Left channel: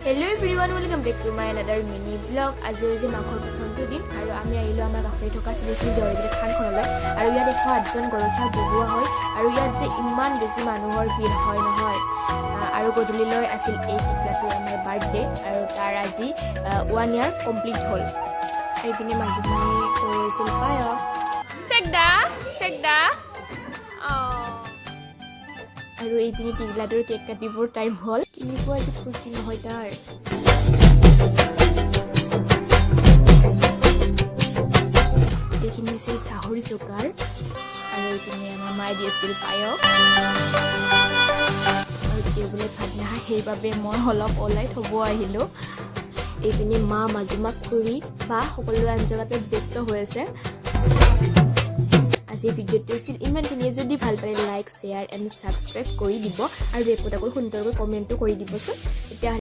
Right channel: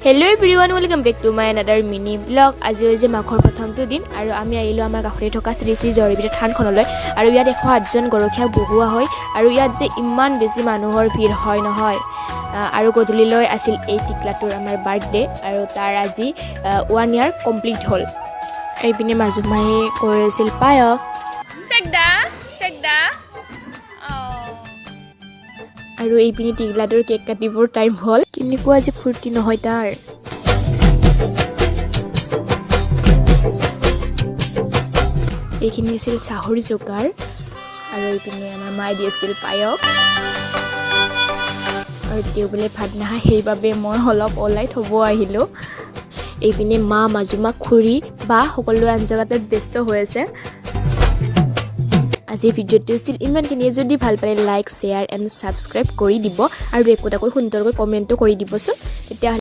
Hello everyone, welcome back to my another mini vlog. আজি হৈছে মাঘৰ প্ৰথমটো দিন আৰু আমি আহিলো আমাৰ কাষৰে থকা শ্ৰী শ্ৰী জয়বিৰে থানখনলৈ আৰু ইয়াত 108 জন গৰখীয়া বহুৱা হয় আৰু ইয়াত যে ইমান বেছি মানুহৰ ভিৰ হয় নহয় আৰু গধূলিলৈ আছিল এই টিকলাটোৰ আমাৰ বাৰ্থডে আৰু তাৰ আজি 1 ইয়াৰ কমপ্লিট হ'ল এইপিনে মাজুমাই কৰিছিল পায়স চেকদা আৰু এইপিনে টিকলাটোৰ কেক কাটিবৰ টাইম হ'ল কিন্তু আজি ফুৰ্তি নহয় তাৰ এইখিনি আছিল চাহৰ জোগাৰ আৰু এইপিনে আমাৰ মায়ে দিছিল পায়স আৰু তেওঁ বোলে ভাত নাখায় সেইবাবে মই অলপ ওলাই থ'ব আহিলোঁ এইপিনে মা মাজুমা খুৰী বা সকলো আঞ্জাতে ব্যস্ত হৈ আছে আজি ভিডিঅ'টো ষ্টিল ইমানখিনিয়ে যদি ভাল পালে লাইক শ্বেয়াৰ এণ্ড ছাবস্ক্ৰাইব কৰি দিব আৰু একোটাকৈ সুন্দৰকৈ কমেণ্টো কৰি দিবচোন